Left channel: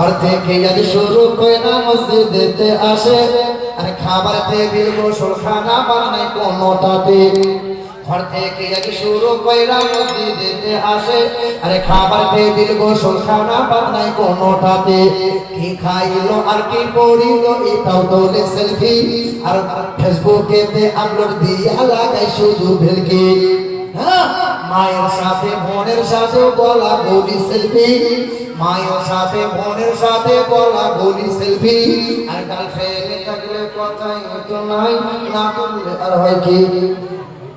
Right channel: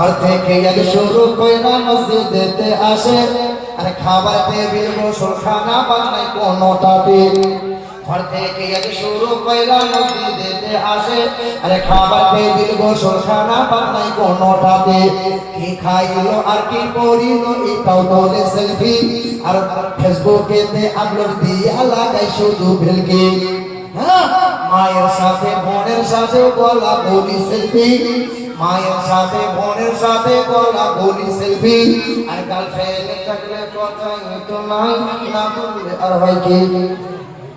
ঘর থেকে আগে শুরু কইরা মসজিদেতে আসে, আরে খাবার টেবিল গোসলখানা বানায় কোনোটাতে। ঘর থেকে আগে শুরু কইরা মসজিদেতে আসে, আরে খাবার টেবিল গোসলখানা বানায় কোনোটাতে। কি খাইলো আর কি পড়িলো এটাও তোলে সেলফি, আর ফেসবুকেতে আপলোড দিয়া লাগাই শুধু ভেলকি। মায়ের সাথে বোনের সাথে বলা বলি সেলফি, মায়ের সাথে বোনের সাথে বলা বলি সেলফি। আর গার্লফ্রেন্ড থাকলে কথাই তো নাই, না তুললে আর হয় কি?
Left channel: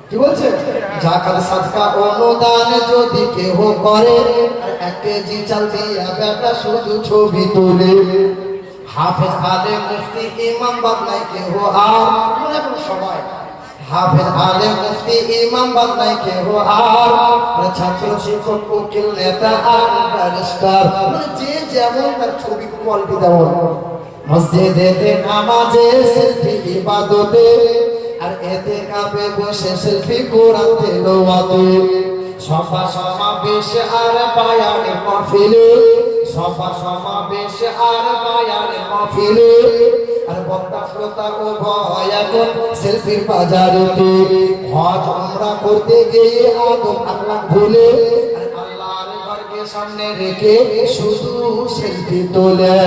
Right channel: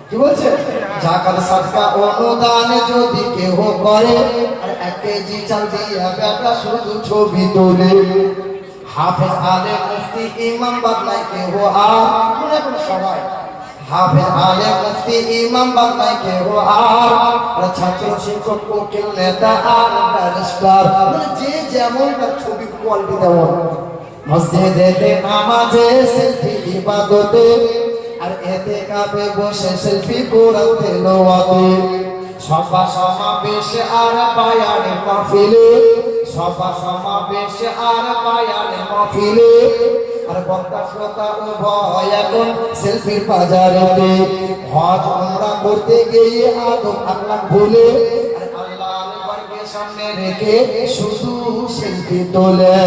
কি বলছে? জাকাত সাদকা অনুদান যদি কেহ করে, 1 কেজি চাল দিয়া বেটা শুধু ছবি তোলে। হাফেজ আলেম মুফতি ইমাম বাদলায় কেহ আর সবাই, হাফেজ আলেম মুফতি ইমাম বাদলায় কেহ আর ছাত্র শিক্ষক উকিল নেতা আর ব্যারিস্টার, যে যেমন তার ছবি কোয়ালিটি দেওয়া। মসজিদেতে নামাজে সেলফি ইবাদতে, আর এতে কাপে বসে সেলফি কোরআন তেলাওয়াতে। সভা সমাবেশ আর বায়ানের মাহফিলে, সভা সমাবেশ আর বায়ানের মাহফিলে, আর বক্তা শ্রোতা উভয় এখন সেলফির বাজারেতে। হজ উমরা করতে গিয়ে আদব আখলাক ভুলে, আর আল্লাহর ঘরকে সামনে রেখে শুধু সেলফি তোলে।